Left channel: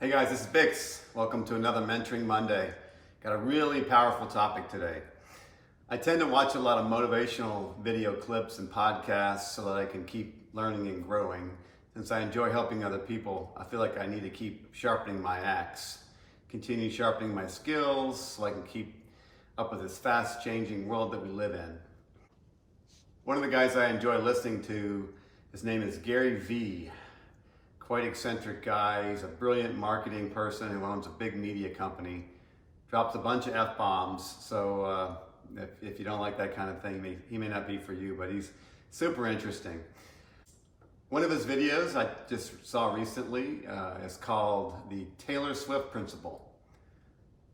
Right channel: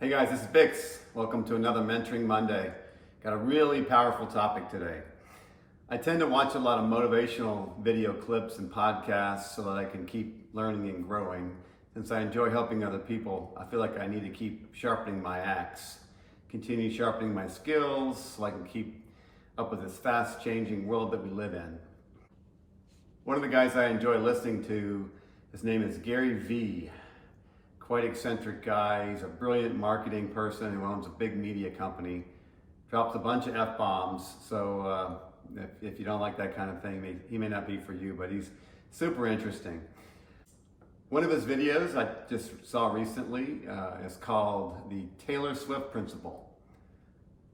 Hey guys, this is Bix. Welcome to another Mentoring Monday. Got a really powerful topic today. I tend to watch a lot of motivational video clips and podcasts so that I can keep learning and growing. Since I enjoy helping other people, I feel like I need to keep sharpening my axe, continue sharpening my skills so I can keep up with this fast changing world that we live in. One of the guys I enjoy listening to, his name is Gary V. Quite eccentric guy. He's a brilliant marketing person who owns a big media company. Drops a bunch of F-bombs, so if you don't like that kind of thing, he may not be for you, but he's super interesting. One of his videos I just saw recently is called the Taylor Swift Principle.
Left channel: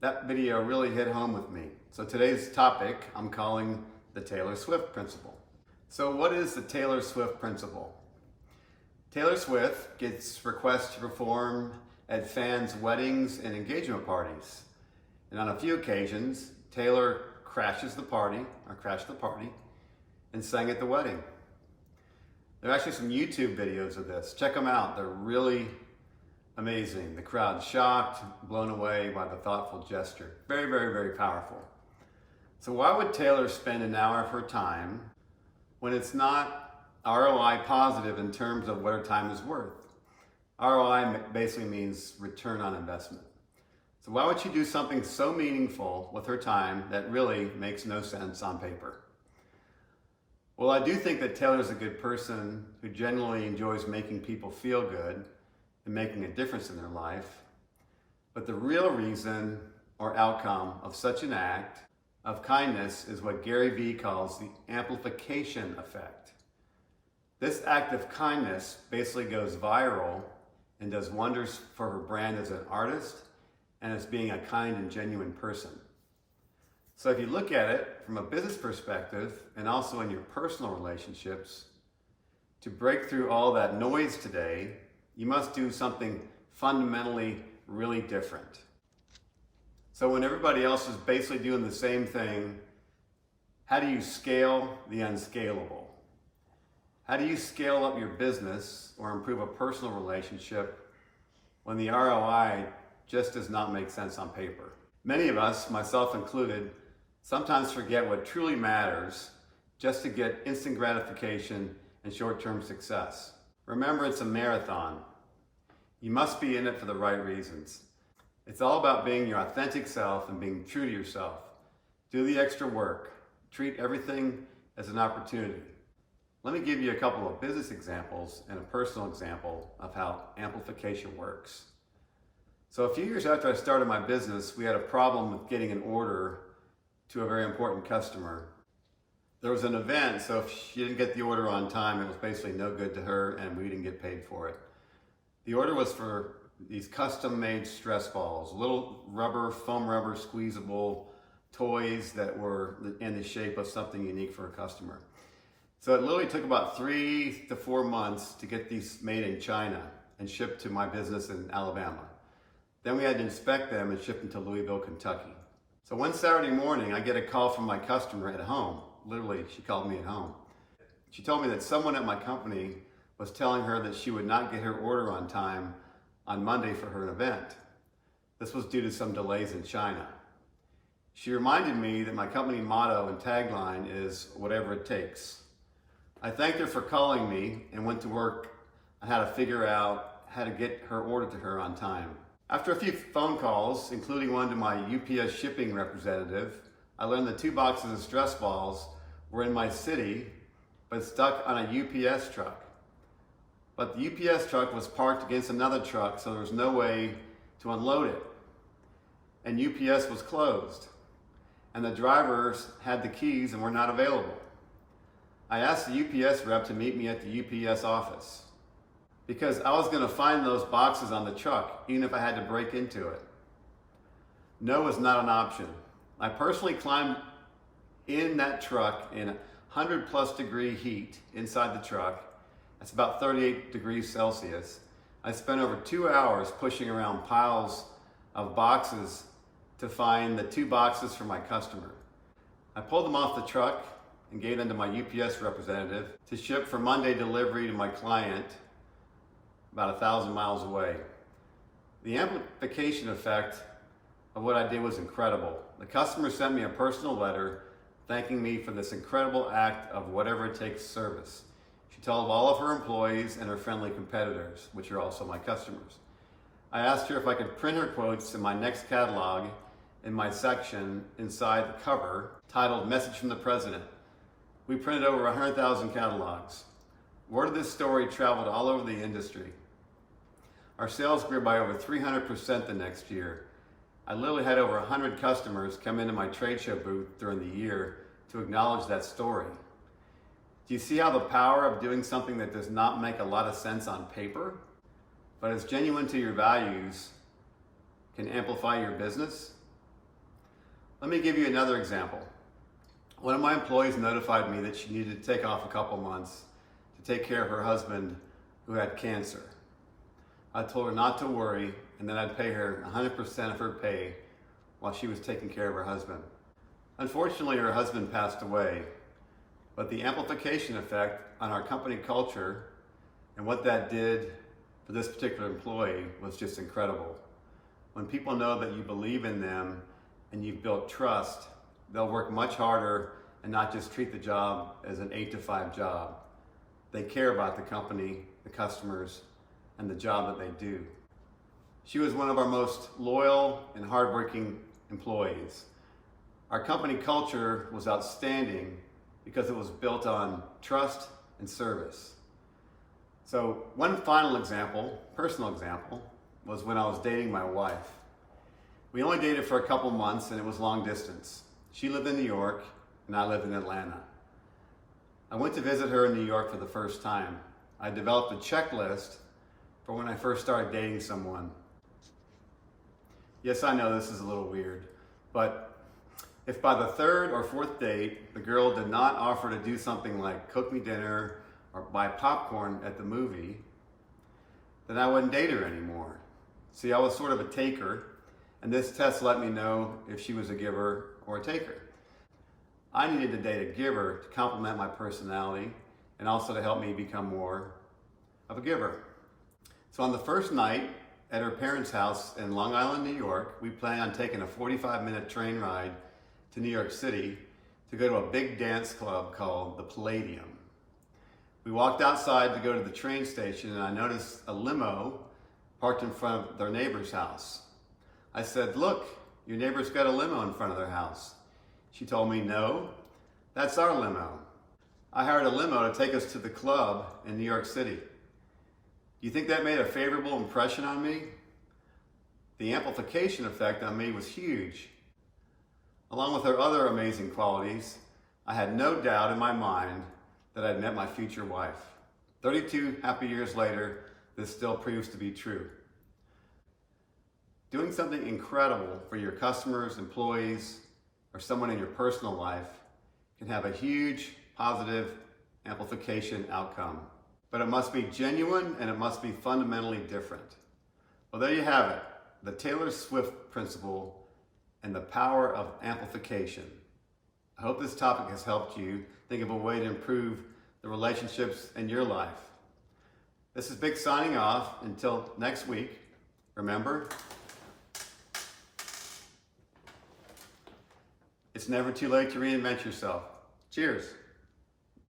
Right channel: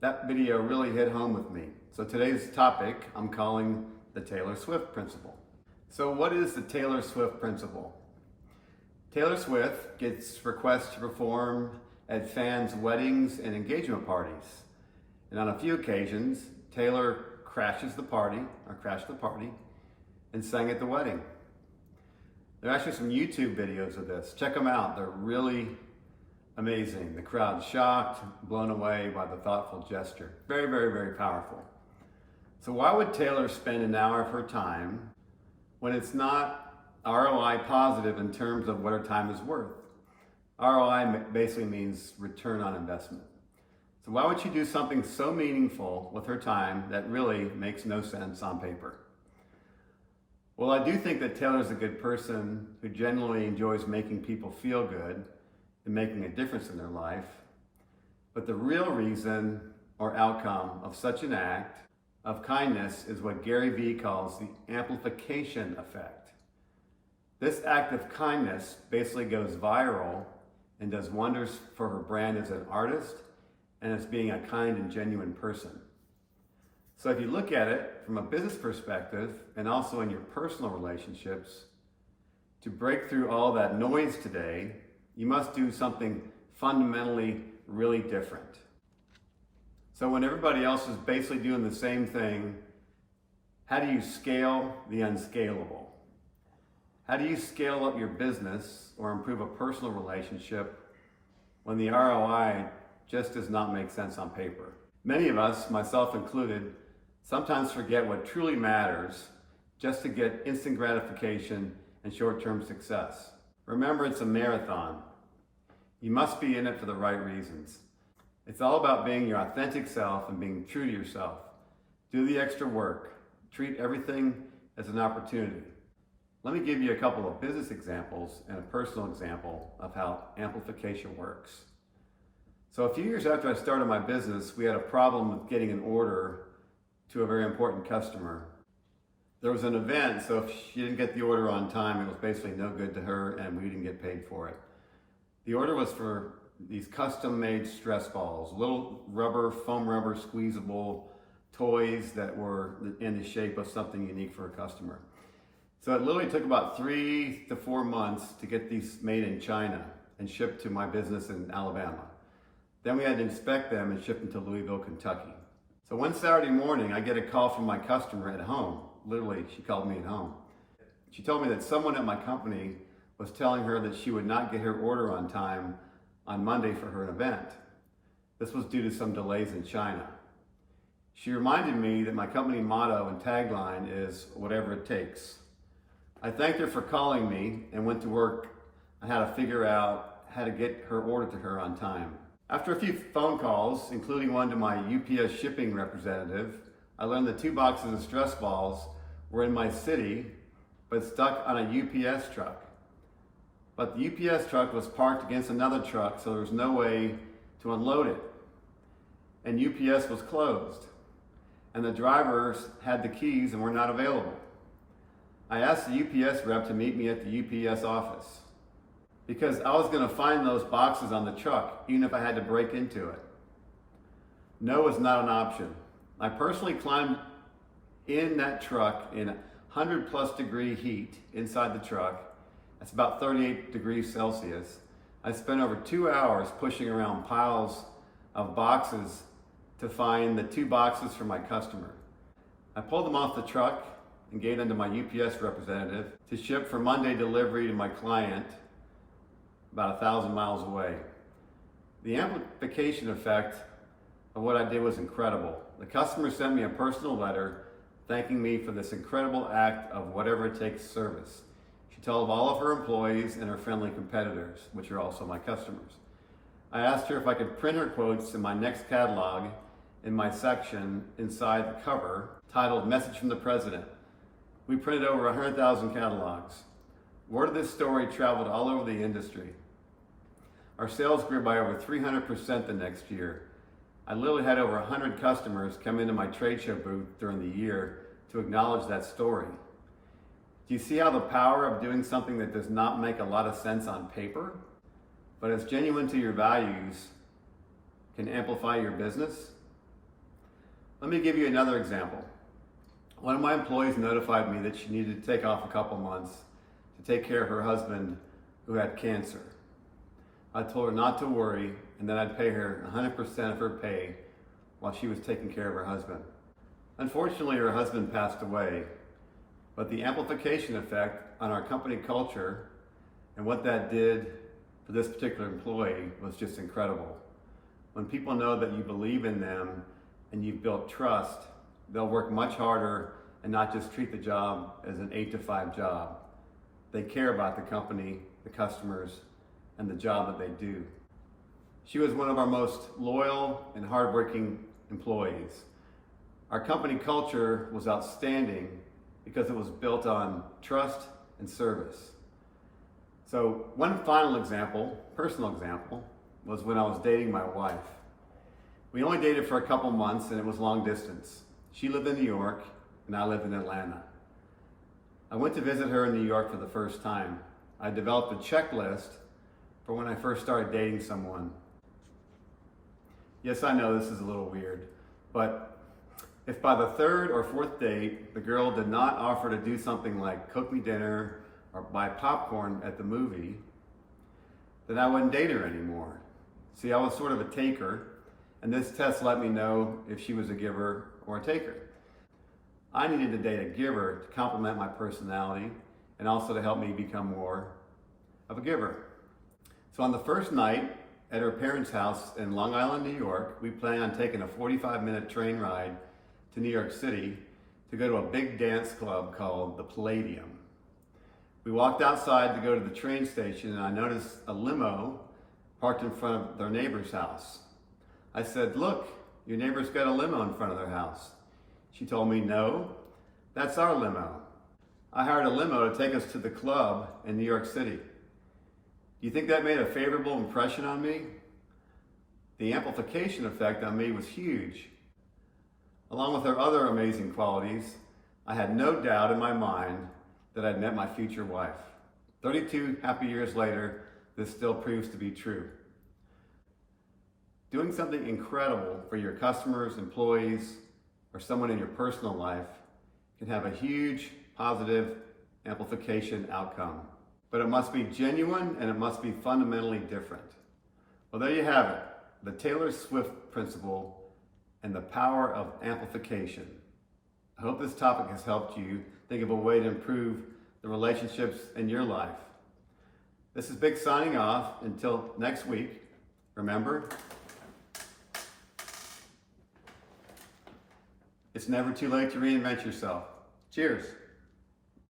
That video really hit home with me. So today's topic I'm calling the Taylor Swift Principle. So what is the Taylor Swift Principle? Taylor Swift gets requests to perform at fans' weddings and engagement parties. And on a few occasions, Taylor crashed the party and sang at the wedding. There are actually some YouTube videos of this. Check them out. They're really amazing. The crowd's shocked, blown away by the thoughtful gesture. Very, very, very powerful. So why would Taylor spend an hour of her time when it's not ROI positive in terms of what her time is worth? ROI basically means return on investment. So why would she do something so meaningful with her time that really makes no sense on paper? Well, I do think that Taylor's a good person who genuinely enjoys making people feel good and making a difference in their life. But the real reason or outcome of such an act of kindness is what Gary V calls the amplification effect. This act of kindness basically goes viral and does wonders for her brand as an artist and as being a kind and genuine person. So if you look at it from a business perspective and also in your personal relationships, to break through all that noise today, you must do something fundamentally really different. So when everybody else is basically doing the same thing, how do you scale the unscalable? How do you scale up your business or improve a personal relationship when the ROI just does not make sense on paper? Many of us, myself included, sometimes forget what truly matters just to get instant gratification and short-term success. Remember, it's a marathon. You must be in it for the right reasons. It's all about being your authentic self and being true to yourself. Do the extra work. Treat everything as an opportunity. Let me give you a couple of business examples and a personal example of how amplification works. So a few years after I started my business, we had a problem with getting an order to a very important customer. There was an event, so if she didn't get the order on time, it was basically no good to her and we didn't get paid for it. The order was for these custom-made stress balls, little foam rubber squeezable toys that were in the shape of something unique for a customer. So it literally took about 3 to 4 months to get these made in China and shipped to my business in Alabama. Then we had to inspect them and ship them to Louisville, Kentucky. So one Saturday morning, I get a call from my customer at home. Literally, she called me at home. She told me that someone at my company was telling her that she would not get her order on time on Monday for her event. This was due to some delays in China. She reminded me that my company motto and tagline is whatever it takes. I thanked her for calling me and went to work on how to figure out how to get her order to her on time. After a few phone calls, including one to my UPS shipping representative, I learned that 2 boxes of stress balls were in my city, but stuck on a UPS truck. But the UPS truck was parked against another truck, so there was no way to unload it. And UPS was closed. And the drivers had the keys and were not available. I asked the UPS rep to meet me at the UPS office because I was going to find those boxes on the truck, even if I had to break into it. No was not an option. I personally climbed in that truck in 100+ degree heat inside the truck. That's about 38 degrees Celsius. I spent over 2 hours pushing around piles of boxes to find the 2 boxes for my customer. I pulled them off the truck and gave them to my UPS representative to ship for Monday delivery to my client about 1,000 miles away. The amplification effect of what I did was incredible. The customer sent me a personal letter thanking me for this incredible act of whatever it takes service. She told all of her employees and her friendly competitors, which are also my customers. I asked her if I could print her quotes in my next catalog in my section inside the cover titled Message from the President. We printed over 100,000 catalogs. Word of this story traveled all over the industry. Our sales grew by over 300% the next year. I literally had over 100 customers come into my trade show booth during the year to acknowledge that story. Do you see how the power of doing something that does not make a lot of sense on paper, but is genuine to your values, can amplify your business? Let me give you another example. One of my employees notified me that she needed to take off a couple months to take care of her husband who had cancer. I told her not to worry and that I'd pay her 100% of her pay while she was taking care of her husband. Unfortunately, her husband passed away, but the amplification effect on our company culture and what that did for this particular employee was just incredible. When people know that you believe in them and you've built trust, they'll work much harder and not just treat the job as an 8-to-5 job. They care about the company, the customers, and the job that they do. She was one of our most loyal and hardworking employees. Our company culture was outstanding because it was built on trust and service. So one final example, personal example, was when I was dating my wife. We only dated for a couple months and it was long distance. She lived in New York and I lived in Atlanta. I went to visit her in New York for the first time. I developed a checklist for when I first started dating someone. Yes, I know this is a little weird, but if by the third or fourth date, the girl did not offer to do something like cook me dinner or buy popcorn at the movie, then I wouldn't date her anymore. See, I was sort of a taker, and this test let me know if she was a giver or a taker. I needed to date a giver to complement my personality and also to help me become more of a giver. So on the first night at her parents' house in Long Island, New York, we planned on taking a 45-minute train ride to New York City to go to a big dance club called the Palladium. We walked outside to go to the train station and I noticed a limo parked in front of their neighbor's house. I said, "Look, your neighbor's got a limo in front of their house." She told me, "No, that's our limo." I hired a limo to take us to the club in New York City. Do you think that made a favorable impression on me? The amplification effect on me was huge. Along with her other amazing qualities, I had no doubt in my mind that I'd met my future wife. 32 happy years later, this still proves to be true. Doing something incredible for your customers, employees, or someone in your personal life can have a huge positive amplification outcome. But it must be genuine and it must be fundamentally different. Well, there you have it, the Taylor Swift principle and the power of amplification. I hope this topic has helped you think of a way to improve the relationships in your life. This is Big signing off. Until next week, remember, it's never too late to reinvent yourself. Cheers.